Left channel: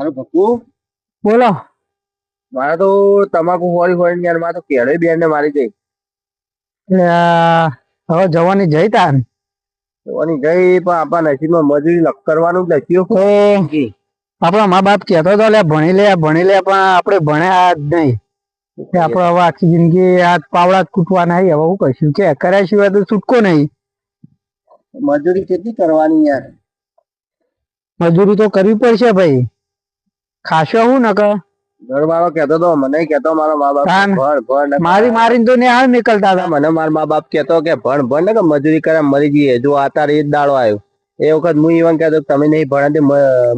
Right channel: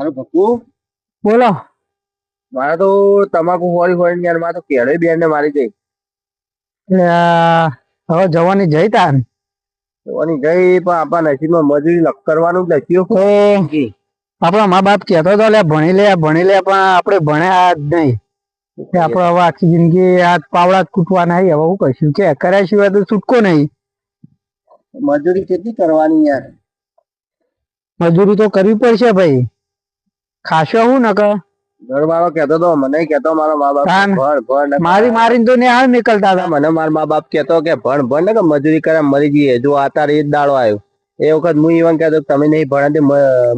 હાલો પપ્પુ બોલો. મારે તો તમાકુ હોળી હોળી યાર મારે તો કેળે બેન ને મારી ગઈ. હવે જવાની જઈ તાર જવાની ગઈ પણ આપણા નસીબમાં મજૂરી કરવાનું જ લખ્યું. તો આપણા મા બાપ કહેતો હતો લે ભણી લે ભણી લે પણ આપણે ભણ્યા જ નહીં. આપણે હવે આખી જિંદગી આ પાવડા જ કૂટવાના નહીં હવે હું કહીશું કે કર્યા સિવાય તો છૂટકો નહીં. મજૂરી કેટલી કરવાની યાર? મજૂરી તો કરવી પડશે ભાઈ. ખાશો હું નકર? ઘર વાળો કહેતો તો મને કેતો મારા મા બાપ ભણ ભણ મારી મારીને તો નિહાળ નીકળતા હતા. મને મારા મા બાપ કેતો કે ભણ ભણ ને કે મજૂરી કરે મરી જઈએ. જો આ તારે એ દાડો આવ્યો એ વખત હું ઈવન કહેતો કે તમે નહીં ભણે તે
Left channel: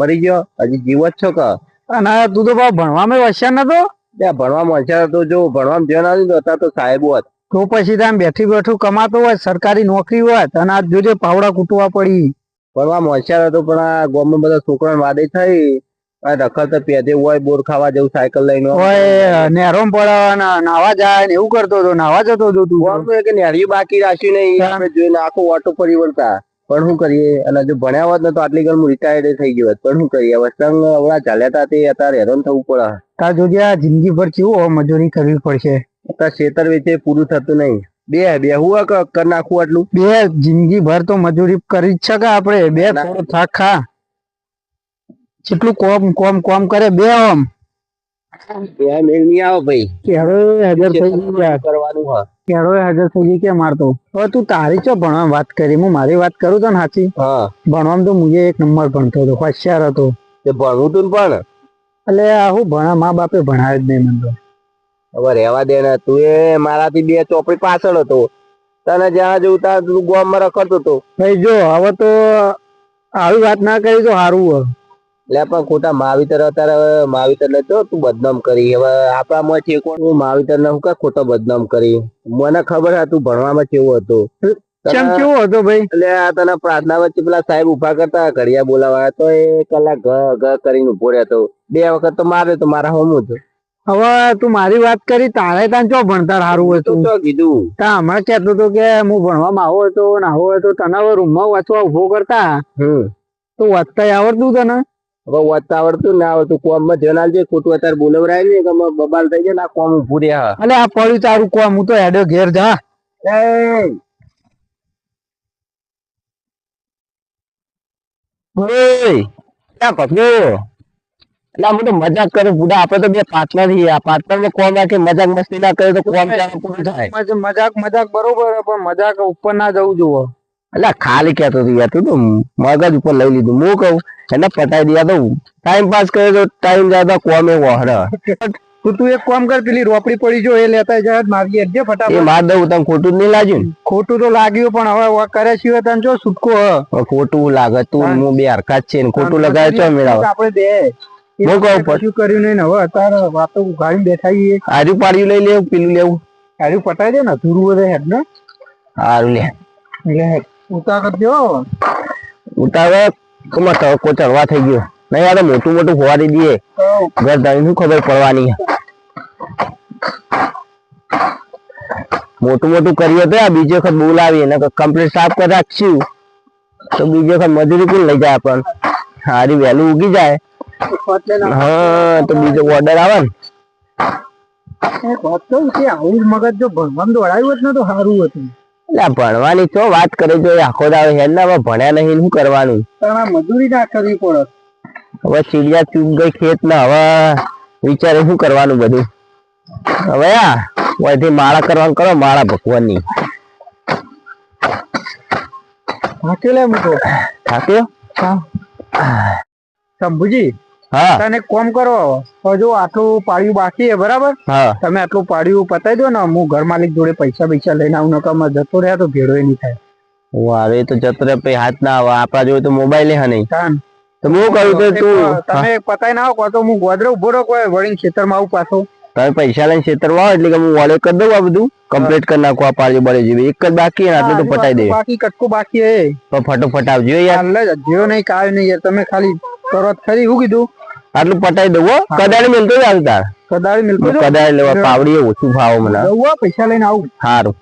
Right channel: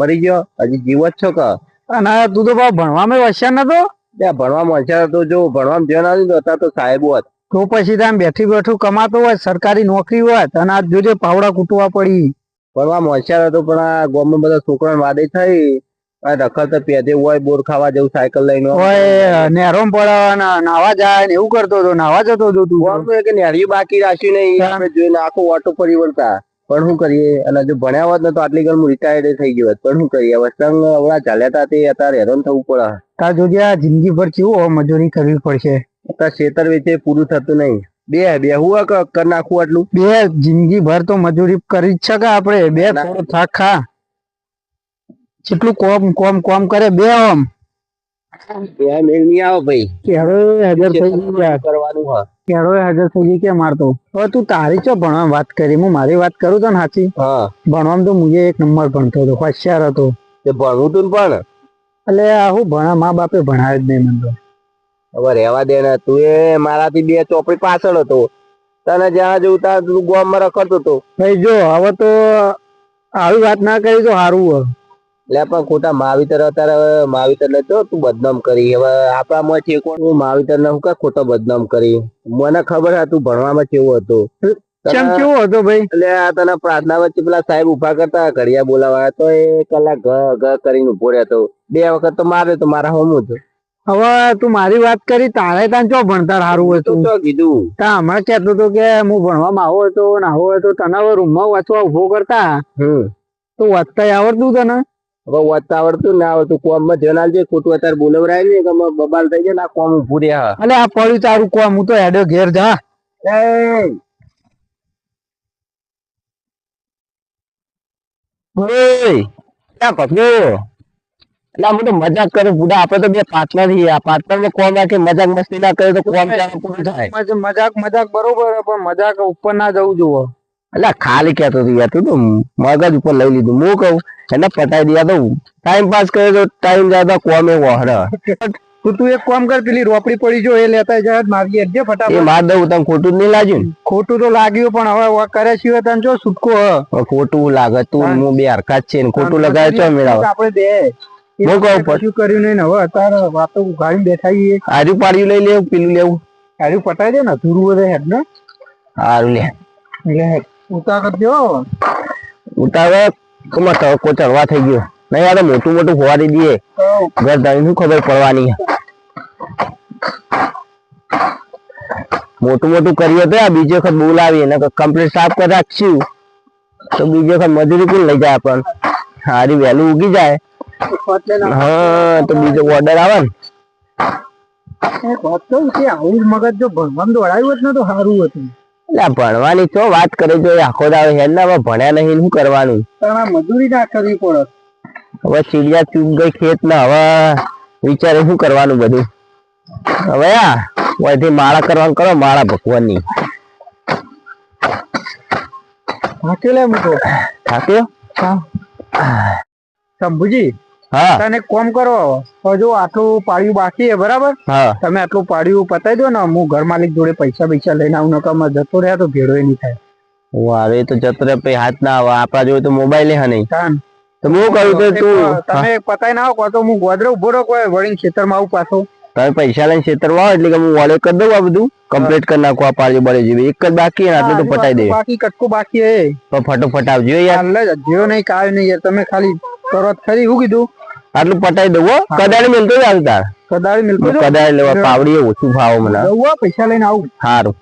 મરી ગયો હજી જીવો જ છો કે? અને તું તો ભાવ ભણવામાં હોશિયાર નતો? ત્યાં ભણવામાં હોશિયાર હતો જો ભણવામાં ધ્યાન આવ્યું તો અત્યારે તો સાહેબો હતા. તો પછી ત્યાં બેઠી બેઠું કમાતો હોય સરકારી નોકરી હોય અને આ જોજે પાવડા કૂટવા પડી. ભણવા હોશિયાર હતો પણ આ ગામમાં બધા છોકરાને વાદે થઈ. રખડ તો પેદે હોય બોર ખાવા જવું સાયકલ લઈને હોય નેરોમ પડાવવાના નાવા જાય ને એવું કરતો હતો નાવા જતો હતો તું. એક નેરિયું બાકી રાખ્યું નહીં આપણે જોઈને આખો ઓટો ફરી વળતા. પણ શું કરીએ? અને જો ભણ્યા હોત ને તો આટલી ગણ રિટાયર્ડ થઈ ગયો હોત. પણ શું કરીએ? હવે સંગ હમણાં ચાલ્યા હતા તે અત્યારે હેરાન થવું પડે. તાર જોજે આ જિંદગી પર કેવું મજૂરી કરવી પડશે. અત્યારે ખેતર વેચે પૂરું થતું નહીં. બે બે હું કર નાખું આટલું? બે જિંદગી ભર તો મજૂરી કરી જ શકે આપણે? બે. થોડો થાક ખા. જેટલું કોમ કોમ કોમ કરે બે ઓમ. બે મેળ નહીં આવો ભાઈ. કેળો હાજર થઈ ગયા. કરવાનું હા કેળો હાજર થઈ ગઈ કે મારતો? હવે તું તારી ચો ભણવા વાત કરી હું મારી વાત કરું તો ને સાચી હા. ભણવામાં તો મુજે એક નંબર ભણતો હતો હોશિયાર હતો. તે ભણવું તું પણ. એટલે આ હું ભણા મા બાપે ભણાય જ નહીં મને તો. હવે રહેવા દે ને તું એ મારાથી બે ચોપડી પાછળ હતો. તને જ્યાં જવું ત્યાં તું ગામમાં રખડતો હતો. ભાઈ જો હવે તો આવી વાત ના કરી તો સારું હોય એટલે પણ ખોટા માવીતર અત્યારે માવિતર ને તો તું બદનામ કરી. હવે આપણામાં કોણ હું માવીતર ને હું કા ખોટો બદનામ કરી. મને ખબર હા તું ભણવામાં કેવો હતો. કેમ તને- કેવો હતો ભાઈ? એટલે આ તને પ્રાર્થના વચ્ચે પેલા સાહેબ ઊભા કરતા ઘડિયા બોલાવા તો એ કલાક ઘ ઘ કરીને ઊભો રહેતો. બે વખત તો મારે તો મારા હોમ હતો. હવે તું મારી વાત કરી તારે ત્યાં ચો ભણતર સારું હતું? તો કીધું? તા હમણાં કેતો હતો કે હું ભણવામાં આવો હતો ને આવો હતો તને હવે રૂમમાં વાંચવા ઊભો કરતા? તો વાંચતા આવડતું તને? હવે વાંચતા આવડતું ને આવડતું કોમમાં જનાલ છે ખોટું અત્યારે બોલવરાય ને કે બબાલ થઈ જાય ને આ કોમ ઉભું અલે આ પડ્યું તારું કોમ હું તો હેડ્યો ઘેર જા. મજાક કરે બુડા આપડે તો બે પાર્ટનર છીએ. પાર્ટનર ને કોમ રાખે મજાક મસ્તી ના કરે તો કોમ પૂરું થાય. મજાક મજાક બરોબર પણ મજાક ઉપર ના જવું જોવો એટલે ખાલી કેતો હતો યાર તું મગજ ઉપર લઈ લીધું. હું કહું એને પટાઈ દિયા તો ટાઈમ પાસ કરે તો ટાઈમ જતા કોમે વહરે. તું તું એક કામ કર પેલી રોપડી પડી જો એ લેતા જા મારી અડજે એ માર દઉં તને ખોટું નહીં લાગ્યું ખોટું તો લાગ્યું પણ હવે કરે છે તને જો છૂટકો હ. ખોટું લાગે તું હા. બે હરકત છે ને ખોટું લગાવે તો મેળાવે આપણે બે. હું કહું પછી કર્યું નહીં ને હવે અત્યારે વાતો ઉઘાડી બેઠા આજુ પાડ્યું લઈ લેવું પેલું લેવું. ગાડી પટાઈ દે ને ધૂરું બધે હેડ ને. સારું લે હેડ. ઉતા કરજો ઉતાવળ? કમા ચડવા થઈ ગયો. નહીં આ તો મોટું મોટું હોવારી દઈએ ઘર ધારી શું ખબર પડવાની? મોટું મોટું કરીએ તો આ બીજી વખત બોલાવી એને કમ્પ્લીટ સાફ કરી રાખશું. તો બીજી વખત મજૂરી પણ લઈ જાય પણ હારી વહેલું ઉગી જાય. હા તો બીજો ઓર્ડર આવે ને. એક વાત કહું કે આવું મગજ જો ભગવાન દોડાયું હોત ને તો સારું હતું. એટલે ભણવાની તો વાત કરે જો આખો દાવે હેડ ભણ્યા નહીં શું કરવાનું? પણ મજૂરી ના કરવી પડે. હવે ચીડિયા ચૂક ગઈ ખેત ને હવે વિચારે શું કરવાનું બધું? હવે આ વધી માળા કરવાનું કરો માળા ભગવાનની. હાકેલે મૂકો થાક્યો? શંભુજી તને કોમ કરો. હજુ આટલું પાડ્યું બાકી બરાબર? તમે આટલું પાડ્યું પતાવી દો ને હું ઘર માલિક જોડે પૈસા પૈસા લઈને આવું નકર જતો રહ્યા તો ભેળો નહીં થાય. વારે તો જતો રે હાથ ના આવે. આપડા જોડે તો મોબાઈલ હે નહીં. તો હું કહું તો તું? તમે પતાઈ ના આવો તો હું ગોદરે ઊભો રહો કોઈ વળીને ખેતરમાં આવું પાછો. તમે પૈસા લઈને છેતરવા આવો એટલે કે હું વોલે કરી દઉં આ બધું? કમ્પ્લીટ કરી નાખું આ પાડ્યું બળે જેવી. એક જ બાકી આટલું તો પટાઈ દે. બાકી કટકો બાકી હે તો ફટોફટ આવજો યાર. જ જેવો નહીં કાય નહીં યાર તમે ખાલી કરો ખરી હું કીધું? આટલું પટાઈ દઉં હો. કદાળી મિલતો જ આવી તાર કદાળી મિલકો કદાળી લેવા પાવડી ઓછું ભાવ મને. દઉં પૈસા લઈને આવું. સારું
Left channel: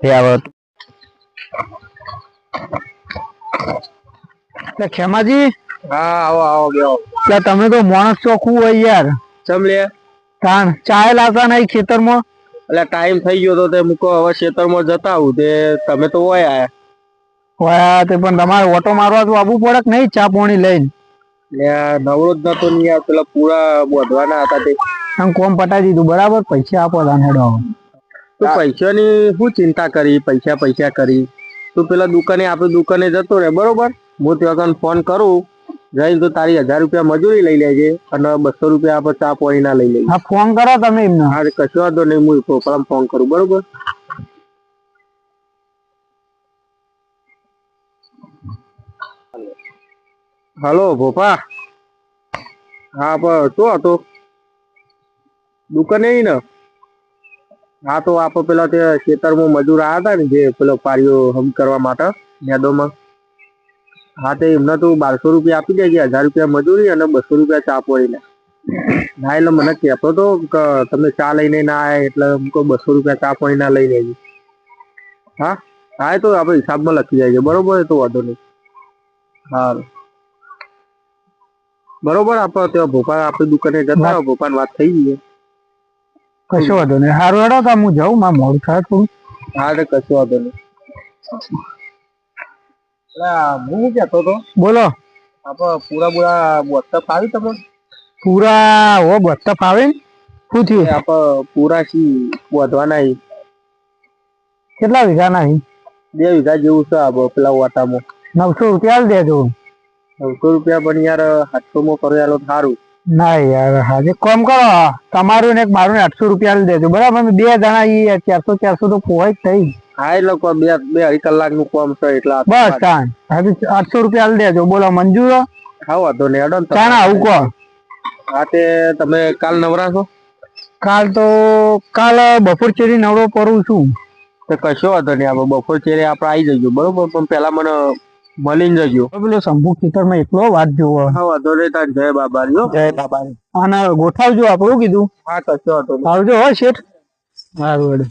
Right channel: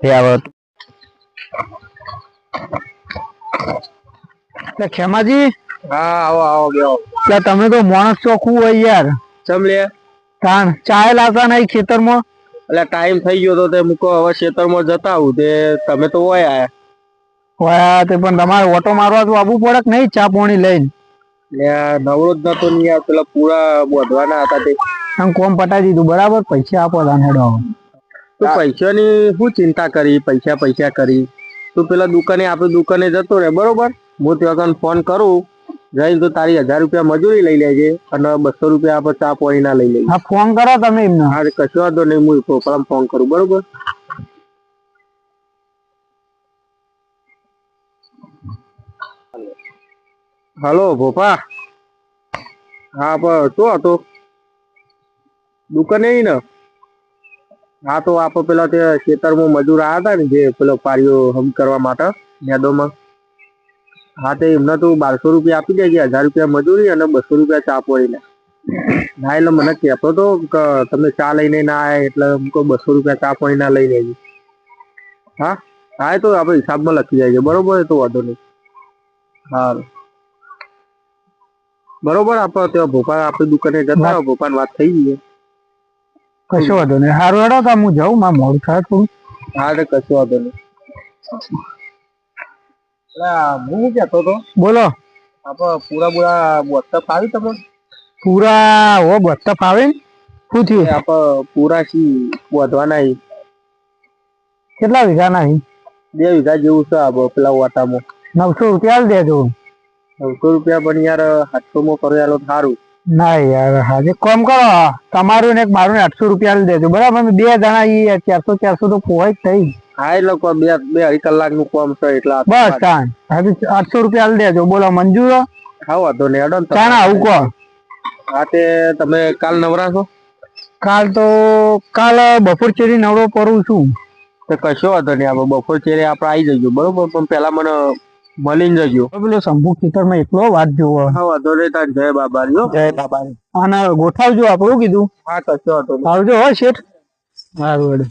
તે આવો એટલે ખેમાજી. હા આવો આવો ગયો તમે તો માણસ ચોખ્ખું હોય યાર. ચમ લે? તાણ ચાય લાવતા નહીં ખેતરમાં? એટલે ટાઈમ થઈ ગયો તો તે મૂકો હવે ખેતરમાં જતા આવું તે તમે તો હોય આયા. હોય તે પણ તમારે ઓટો મારવા તો આવવું પડે કે નહીં ચા પોણી લઈને? નવરો જ નતો નહીં પેલા પૂરા બોધવાના હતા તે. આમ કોમ પટાઈ દીધું બરાબર? પૈસા આપો તાને હેડો તું પૈસાની શું ચિંતા કરી? પૈસા પૈસા કરી. તું પેલા દુકાને આપણે દુકાને જતો રહે બરોબર? હું ત્યાં ફોન કરું. જઈને તો તારી હજાર રૂપિયા મજૂરી લઈ લેજે અને બસો રૂપિયા આપણે ચા પાણી ના લઈ લેજે. હા ફોન કરો તમે એમને. હા કશો વાંધો નહીં હું પોપડામાં ફોન કરું બરોબર? હલો ભોપા? હા પણ શું હતો? દુકાને ને હા તો આપણે પેલા તે ખેતરમાં મજૂર આવ્યા હતા ને જે પેલો પારીઓ હમ કરવા માટે યાદોમાં હા તો એમને તું બારસો રૂપિયા આપી દેજે હજાર રૂપિયા મજૂરી અને બસો રૂપિયા ચા પોળીને. ના એટલે મને કહેતો તો કે તમે ચા લઈને ના આવ્યા એટલે હું કહું બસો રૂપિયા ચા પોળી ના લઈ લેજો. હા? હા એ તો આપણે હિસાબમાં લખી જાય છે. બરોબર એ તો વાંધો નહીં. હા બરોબર આપણે ત્યાં ભોપાલ આપણી દુકાને જતા રહો ભોપાલ વાત થઈ ગઈ કશો વાંધો નહીં. સારું હેડો તો હું જાઉં મારે મોડું થાય થોડું. હા એટલે કશો વાંધો નહીં. હું તો બોલો. આપણે પૂરા પૂરા વોટ્સઅપ આવી તમને? પૂરા હો બત્તા ફાવે ને? શું થયું? આપણે પૂરા છી વધવાના. કેટલા વીઘા નહીં બે વીઘા જેવું છે આપણે પેલા વાટામાં. નવસો રૂપિયા દેજો. નવસો રૂપિયા પણ યાર સાતસો માં કરેલો સારું ના યાર હાજે કોમ કરો તમારું ને એક મારું ને આઠસો રૂપિયા દેજો. બરાબર બે જણા ચારસો ચારસો તો પોવાય જ થઈ. હા એટલે કોઈ બે બે અઢી કલાકનું કામ છે એટલે બસ તાન હાજે આઠસો રૂપિયા આલ દેજો બોલો મંજૂર? હો? હા વાંધો નહીં હેડો ને તમે. આવું કહો. હા તે તમે કાલ નવરા છો? કાલ તો કાલ બપોર ચેરી નવરો પરું છું. તો કશો વાંધો નહીં આપણે બપોર ચેરી આપણે આવી જજો બરોબર? પણ પેલા મને મળીને જજો. પેલો શંભુ ખેતરમાં એકલો વાત જોવો. હા વાંધો નહીં તાર જય બાબા જય બાબા અને ગોઠવજો આપણું કીધું? હા કશો વાંધો આવજો હો શેઠ. સારું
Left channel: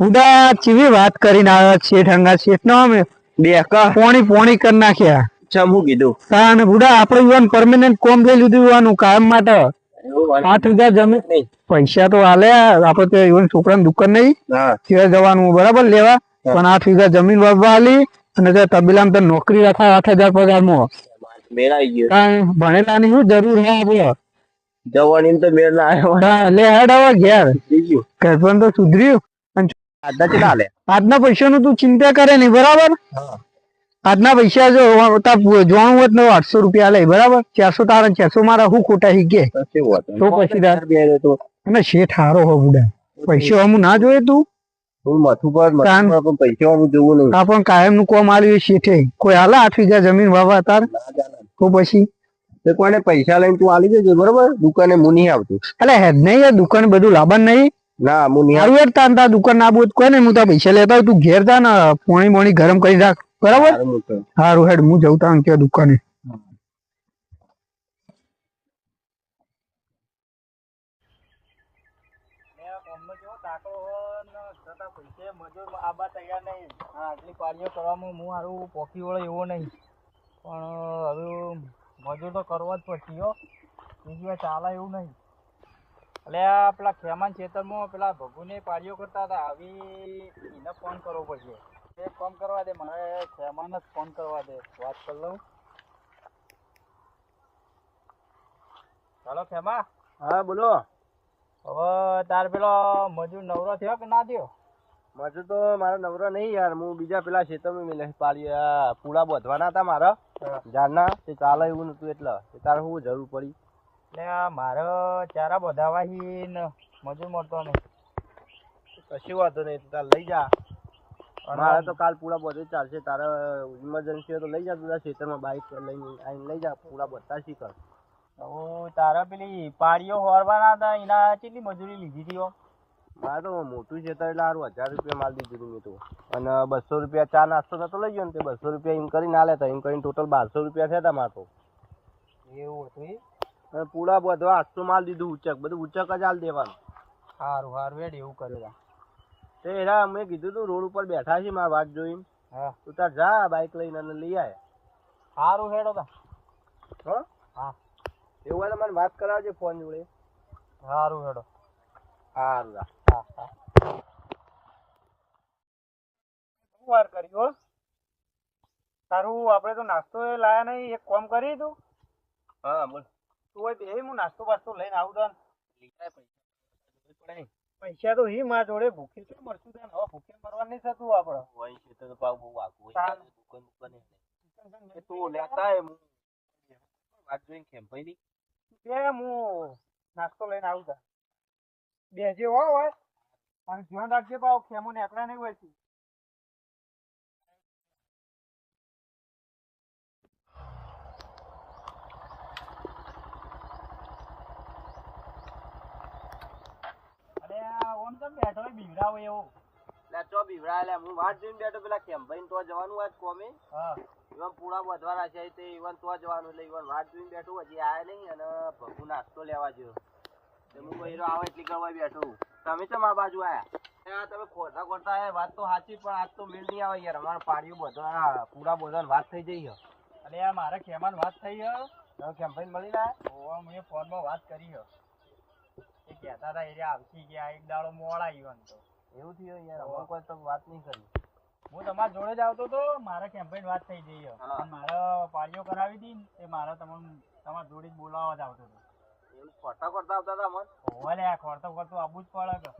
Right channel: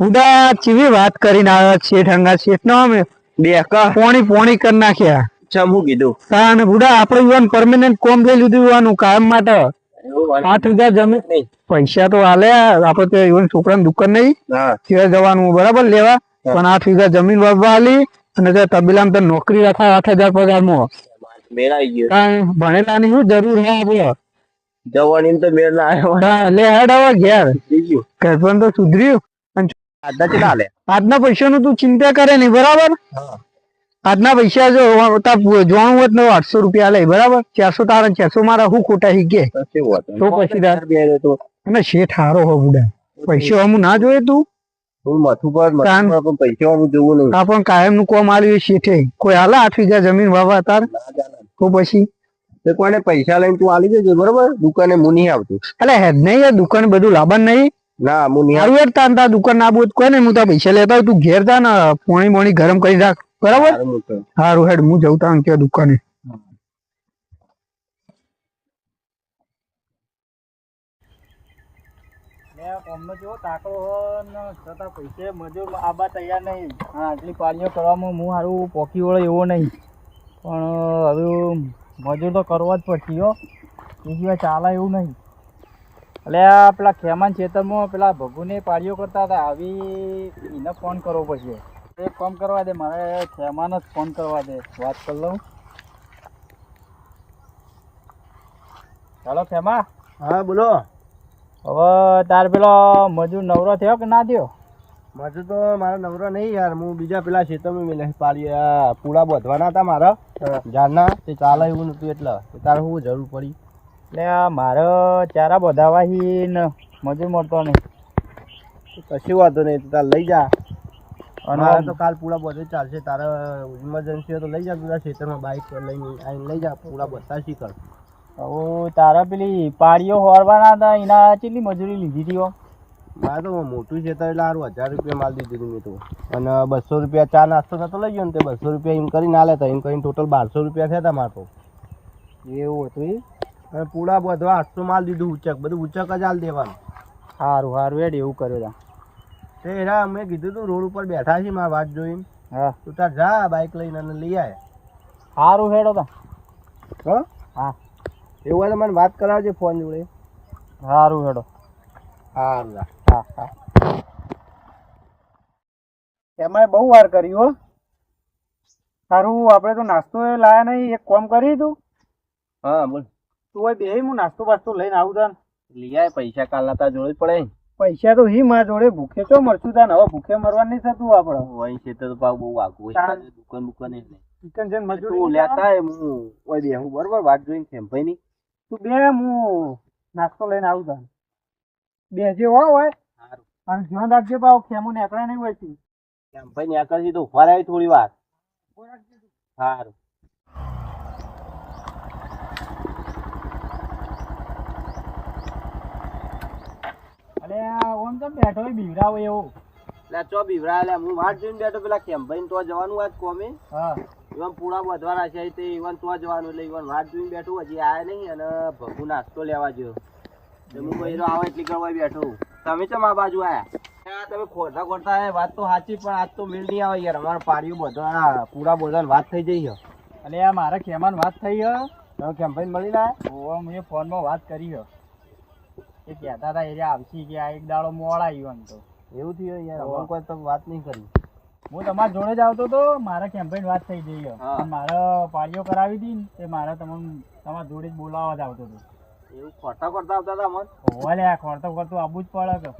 ઉડા ચીવી વાત કરીને આવ્યા શેઠ હંગા શેઠ નો અમે બે કા પોણી પોણી કરી નાખ્યા. ચમ હું કીધું. અને બુડા આપણે યુવાન પરમેનન્ટ કોમ લઈ લીધું યુવાનું કામ માટે. આઠ હજાર જમીન નહીં. પૈસા તો હાલે આપડે તો યુવાન છોકરાની દુકાન નહીં. ત્યાં જવાનું બરાબર લેવા. પણ આઠ વીઘા જમીન વાવવા હાલી અને તે તબીલામાં તો નોકરી રાખા આઠ હજાર પગારમાં. મેળાઈ ભણેલા ની શું જરૂર હે આપડે જવાની તો મેળ ના આવ્યો લે હેડ હવે ઘેર. કઈ પણ તો સુધર્યું. આદા કેટલા લે આજના પૈસાનું તું ચિંતા કરે નહીં બરાબર? આજના પૈસા જો જોવાનું હોત ને આઠસો રૂપિયા લે બરાબર? ચારસો તારા ચારસો મારા હું ખોટા શીખે તો પછી અને શેઠ હારો હો બુડા. પૈસો અમું ના જોઈએ તું? પણ પૈસા હું જોવું પણ કાયમનું કોમ આલ્યું એ શેઠે. કોઈ હાલે આઠ વીઘા જમીન વાવા તાર? તો પછી? કોને પૈસા લઈને તું આલી દેજો બરોબર? દુકાને હું આવતું. એટલે હેડ નહીં દુકાન બધું લાવવાનું નહીં. ના હું નહીં હારું યાર તાર તાર દુકાન ના બોધ કોઈ ને હું તાર પૈસા લેતા તું ઘેર જા ને પોણી મોણી ગરમ કરી રાખ. બરાબર? હારું હેડ હું જઉં તાર ત્યાં દુકાને. પૈસે મજૂર આબા તૈયાર નહીં આટલી પાળીઓ કરવામાં હું હારું પોકી વળે એવો નહીં પણ હવે મજૂર તો કરવા જ પડશે હો. એ સિવાય ચાલે એવું નહીં એટલે આ પેલા ખેમાન ખેતરમાં પેલા ભગુને પાળીઓ કરતા હતા. આવી એને ફોન કરવો પડશે. એક કામ કરવા દે મારે ખેમાન જ ફોન કરવા દે. વાત કરી લઉં. ચાલો ખેમા. હા બોલો. હવે તાર પેલો મજૂર નવરો થયો કે ના થયો? મજૂર તો મારો નવરો નહીં યાર. હું બીજા પેલા ખેતરમાં મેલે પાડી પૂળા બોધવાના હતા મારા. જારના તે ચાલે એવું નતું એટલે. તારે હું જરૂર પડી? એટલે આ મારે ચારા બધાવાહી ને મજૂર મળતો નહીં. કશું વાંધો નહીં તો તારે લઈ જા. અને તો કાલ પૂળા બધે ચાલશે. તારે ઇમરજન્સી હોય તો લઈ જા પૂરા ખેતરમાં બાઇક પર લઈને આવીને લઈ જા. પૂળા બધા શીખર. હવે તારા પેલી પાડીઓ હોરવાના હતા એના કેટલી મજૂરી લીધી હતી? મારે તો મોટું ખેતર એટલે સારું હજાર રૂપિયા માલ દીધી મેં તો. અને બસો રૂપિયા ચા નાસ્તો થતો લઈ ગયો ને તે બસો રૂપિયા એમ કરીને ના લેતા એમ કરીને ટોટલ બારસો રૂપિયા થયા હતા મારે તો. એવું હતું ઈ? અને પૂળા બધો આઠસો માલ દીધું ઉચક બધું ઉચક જ હાલ દેવાનું. સારું સારું એડ એવું કર્યો તા. તે એરા અમે કીધું તું રોડ ઉપર બેઠા છીએ મારા વાત જોઈને. હા. તું તાર જા બાઇક લઈને અને લઈ આવે સારું હેડો તા. હો? હા. એવું હોય તો મને વાત કરાવજે ફોન જોડે. સારું હેડો. સારું હા હા. એમાં બહુ વાર કરી હો. સારું આપણે તો નાસ્તો એ લાયા નહીં એક કોમ કરી તું. હા બોલ. તું હોય બે હું નાસ્તો બાસ્તો લઈને આવું તાન લઈ આય પૈસા કાલ તા જોડે જ પડે પૈસા તો હી મા જોડે ભૂખે તો મરશું તાન હવે ભૂખે મરવા નહીં થતું આપણે. હોય છે તો ભાવ બહુ આગું હોય દુકાન બુકાન એટલે. ચિકન જન મજૂરી લેતા હે હું ઓય બે હું બરોબર વાત જોઈને ખેમભાઈ ની. તું બે હું નાસ્તો લઈને આવું તાન બે જે હોય હોય. અને ધ્યાન રાખજે પાવ ખેમો નીકળે નહીં હોય છે કેમ ભાઈ ને આગળ તો ફરાય થોડી વાર સારું અલે ઓમ તો બેઠો હોય બીવરાવો એવો. લે ચો બીવરા લે હું વાટ જોઈને બેઠો પેલા ખેમભાઈ તો જવાનું આજ કોમે. હા. ઈવન પૂરા વધવાના છે તે ઈવન તો જવાનું એટલે ઈવન વાટ જોઈને બેઠો હજી આયા નહીં અને ભગુ નાસ્તો લેવા ગયો. તો હું બૈરો આવે એટલી કરવા બેઠો. તમે ચમ આ બાજુ આયા? તમે ખોટા ખોટા વાત તો સાચી પણ આજ તો મેળ નહીં આવે યાર. અમારા પાડીઓ બધા પૂરા બોલવાની વાત થઈ જઈ આ મારા ખેમાન વાત થઈ હે. તમે કેમ્પેન મળી ઓવા મેં ફોનમાં વાત કરી હે. એ કહેતા હતા એરિયા આવશી આ એક દાડો મોડા આવ્યો એમ તો. એવું થયું યાર. અમારે કોઈ તો વાત નહીં કરી. હું તમારા જોડે જ આવતો તો મારા કેમ્પેન વાત થઈ ગઈ હે. હા. મારે પાળીઓ કરાવી હતી ને તે મારે તમને તમારા જોડે જ બોલાવવા જ આવતો હતો. એવું ખોટા કરતા આવતા હતા મન? હોવા લે ખોટો કરતું આવવું જ પડે કે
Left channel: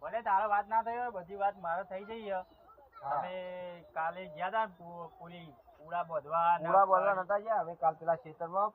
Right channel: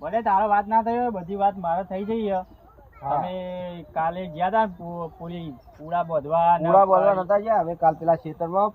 ભલે તારો વાત ના થઈ હોય બધી વાત મારે થઈ જઈ હે. તમે કાલે ગયા હતા પૂરી પૂરા બધવા પૂરા બોલવા નતા ગયા? હવે કાલ પેલા ખેતરમાં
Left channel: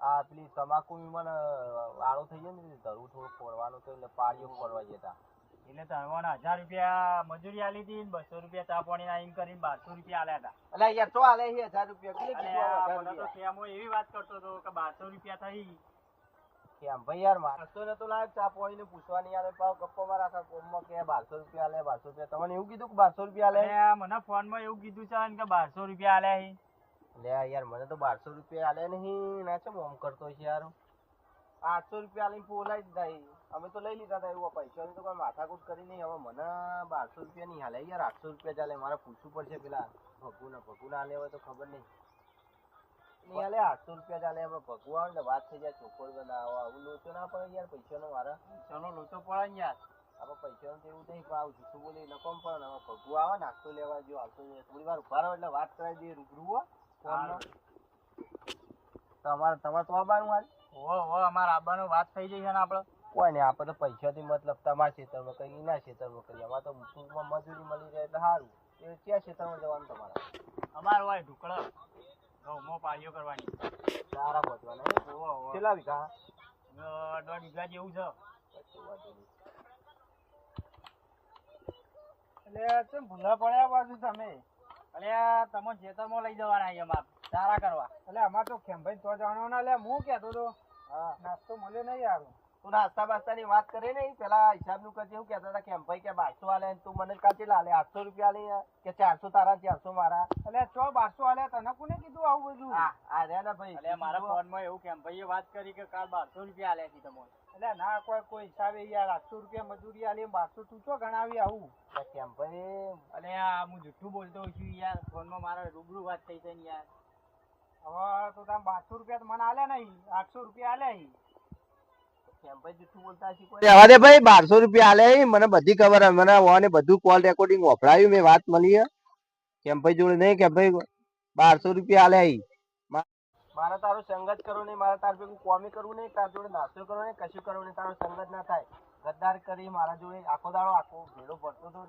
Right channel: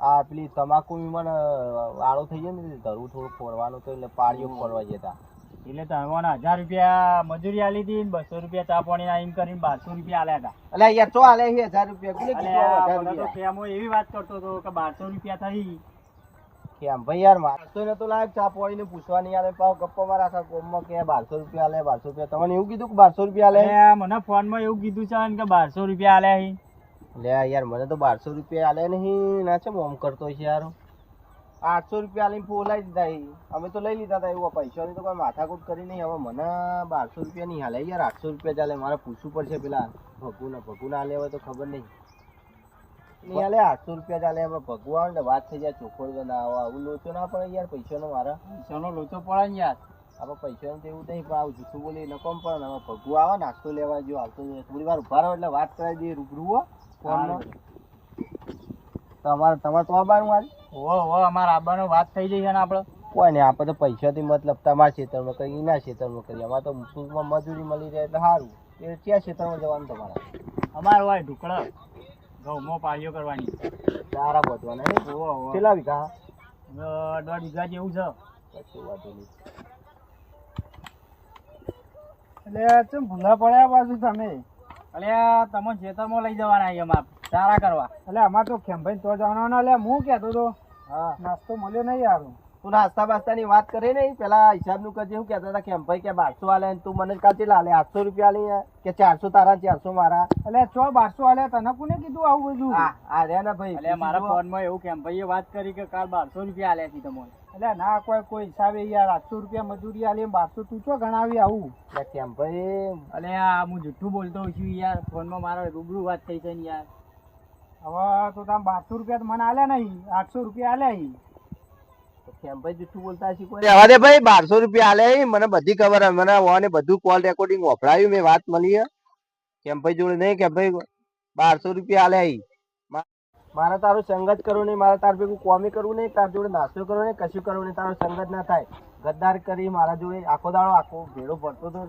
આ પેલી તમાકુ મને આળો થઈ ગયો ને ધરવું થોડું ફોડવાનું તો એટલે પાડીઓ ફોડવા જતા. એટલે તમે હજાર રૂપિયા મજૂરી આલી હતી ને બસો રૂપિયા ચા પાણી ના એમ કરીને બારસો રૂપિયા આલ્યા હતા. એટલે યાર તો આલે છે હજાર રૂપિયા. તો એવી વાત કરતો હતો કે બારસો રૂપિયા થઈ. કેમ ભાઈ યાર મારતો તો લાયક ચા પાણીને પૂછવા નહીં આલે પાવ ગપ્પો મારા આખા કોમમાં કે બારસો રૂપિયા આલે બારસો રૂપિયા. તમને એવું કીધું કે બારસો રૂપિયા આલે? મને ફોનમાં એવું કીધું છે ને કે બારસો રૂપિયા આલ્યા છે લે યાર મને તો બારસો રૂપિયા આલે નહીં ના છે મોમ કરતો છે યાર. આઠસો રૂપિયા આલીને ફોલાઈ દીધા અમે તો લઈ લીધા હતા એવું પૈસાની તો કોઈ માથાકૂટ કરી નહીં. હવે મને બારસો રૂપિયા નહીં હાલે યાર આઠસો રૂપિયા ચાલે મારે પૂછવું પડશે પેલા. ભગુના ભગુના હાલે હવે તો ખબર નહીં. નહીં હાલે આઠસો રૂપિયા ચાલે આપણે ભગુ આવે ને વાત થઈ જાય ચોખ્ખો બનાવો આવું લોચો ના પડે યાર પૈસાનો મારા. પૈસાનો લોચો પડે ને યાર. આપણે પૈસાનું તો એવું નહીં પણ આવું જૂઠું બોલી નકોમ પણ. હવે ભગુ આવે નાસ્તો લેવા જો આવતો હોય. થોડી વાર ઊભા રહો એટલે વાત કરાવી દઈએ રૂબરૂ હો. ફોનમાં તમારે તમારે તો આવવાનું આજે? ઓ ઓ અમારા આબાનો વાત થઈ જઈ છે ને આપણે કોઈ નહીં આપણે તો પૈસાથી મતલબ તમારા ખેતરમાં કરી એના ખેતરમાં કરી અમારે તો ટૂંકમાં મજૂરી મળી રહે એટલે સારું. એ ક્યાં ખેતરમાં જવાનું તમારા? અમારે હોય ઢુકડા ઘઉંમાં પાળીઓ કરવાની. સારા બધવાના હે ઓ ઓ કેટલા વીઘા? દોઢ વીઘા જેવું છે. કશું વાંધો નહીં. એટલે ચમ ભૂલા પડ્યા બાજુ તમે? એટલે તમે ખેતરમાં લઈ જવાના છે અમાર. ચારા કરવા. એટલે અમાર તો ખેમભાઈ તો જવાનો ને એટલે હું કહેતો તો હા. નાસ્તો મળ્યો નહીં યાર. તું નાસ્તા બાસ્તાની વાત કરે ને પેલા હિસાબનું કરજે હું કહેતા હતા કે ભાઈ કે બારસો આલે ને તું મને કાચે લાલે આઠસો રૂપિયા લે કે ચારસો તારા ચારસો મારા. એટલે છો બારસો આલે તને કોને કીધું આવું બધું? આ આ ને ભાઈ એટલે મારા ફોનમાં એવું કેમ ભાઈએ વાત કરી કે કાલ બારસો રૂપિયા આલ્યા છે તમને એટલે ના કોઈ કોઈ હિસાબે યાર આઠસો રૂપિયા મજૂરી આલી બારસો તું છો ગણાવી આવું? એટલે કેમ ભાઈ અલે આ હું જુઠ્ઠું બોલતો હોઉં છું યાર ફોનમાં મારા રૂબરૂ વાત થઈ છે ને યાર. હવે તો તમે બારસો રૂપિયા તો મને આલ્યા નહીં આઠસો રૂપિયા આલ્યા કેમ ભાઈ બોલતા શીખો રહેવા દે ભાઈ બારસો રૂપિયા આલે મને બધી ખબર મને ઓને બધું કોલ રેકોર્ડિંગ વફડાયું મેં વાત મળી હે. કેમ ભાઈ જોડે નહીં કે ભાઈ બારસો રૂપિયા આલે મારે તારું સંગત કરવું નહીં. મારે તાર ભેગું કોમી કરવું નહીં. તાર જોડે નાસ્તો કરવો નહીં કશું કરવું નહીં. તારો સંગત ના થાય. ગદ્દાર કરી મારા જોડે. આખો દાડો આખો ભેડો ભરતો તો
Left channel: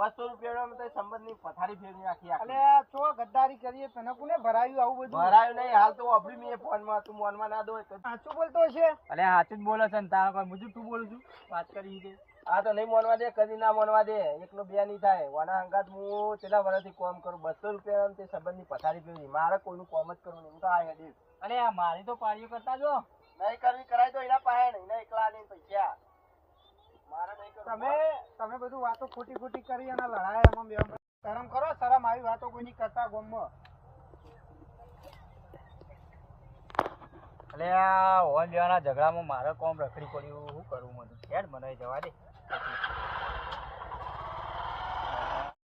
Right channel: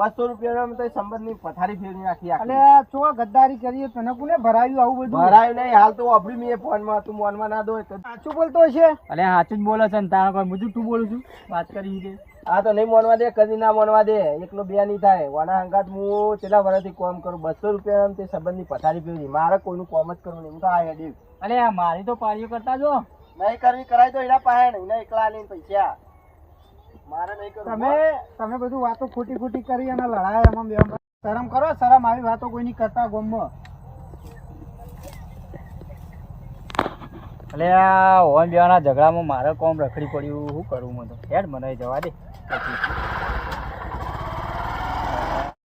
બસો રૂપિયા તો સંબંધની પથારી ફેરવી નાખી અને ચો ગદ્દારી કરીએ તને કોને ભરાયું આવું બધું? ભરાયું નહીં હાલ તો અભડી મેં ફોનમાં તું મોનમાં ના દો સાચું બોલતો છે અને સાચું જ બોલે છે ને તારા કોઈ મુજબ તું બોલું છું. વાત કરી છે. આ તો નહીં મોનવા દે કદી ના મોનવા દે. એકલો બે નહીં થાય. વાના હંગાત હું કેટલા વર્ષથી કોમ કરું. બસો રૂપિયા તે સંબંધની પથારી પીવી મારે કોઈનું કોમ જ કરવું નહીં. હું તો આ હેડી. આ મારી તો પાળીઓ કરતા જો. નહીં કરવી કરાય તો એના પાસે નહીં. એકલા લઈને પૈસા. નહીં કરવું તમે તમે બધું વાતો ખોટી ખોટી કરી અને લડાયા એમાં બે શરમ કરો શરમ આવી વાતો કોઈની કરતા ગોમમાં એટલે આ ઓન બેવાના ઝઘડામાં મારે કોમ રખડી પડ્યું. શું કરવું મને હેડ મને જવા દે. પછી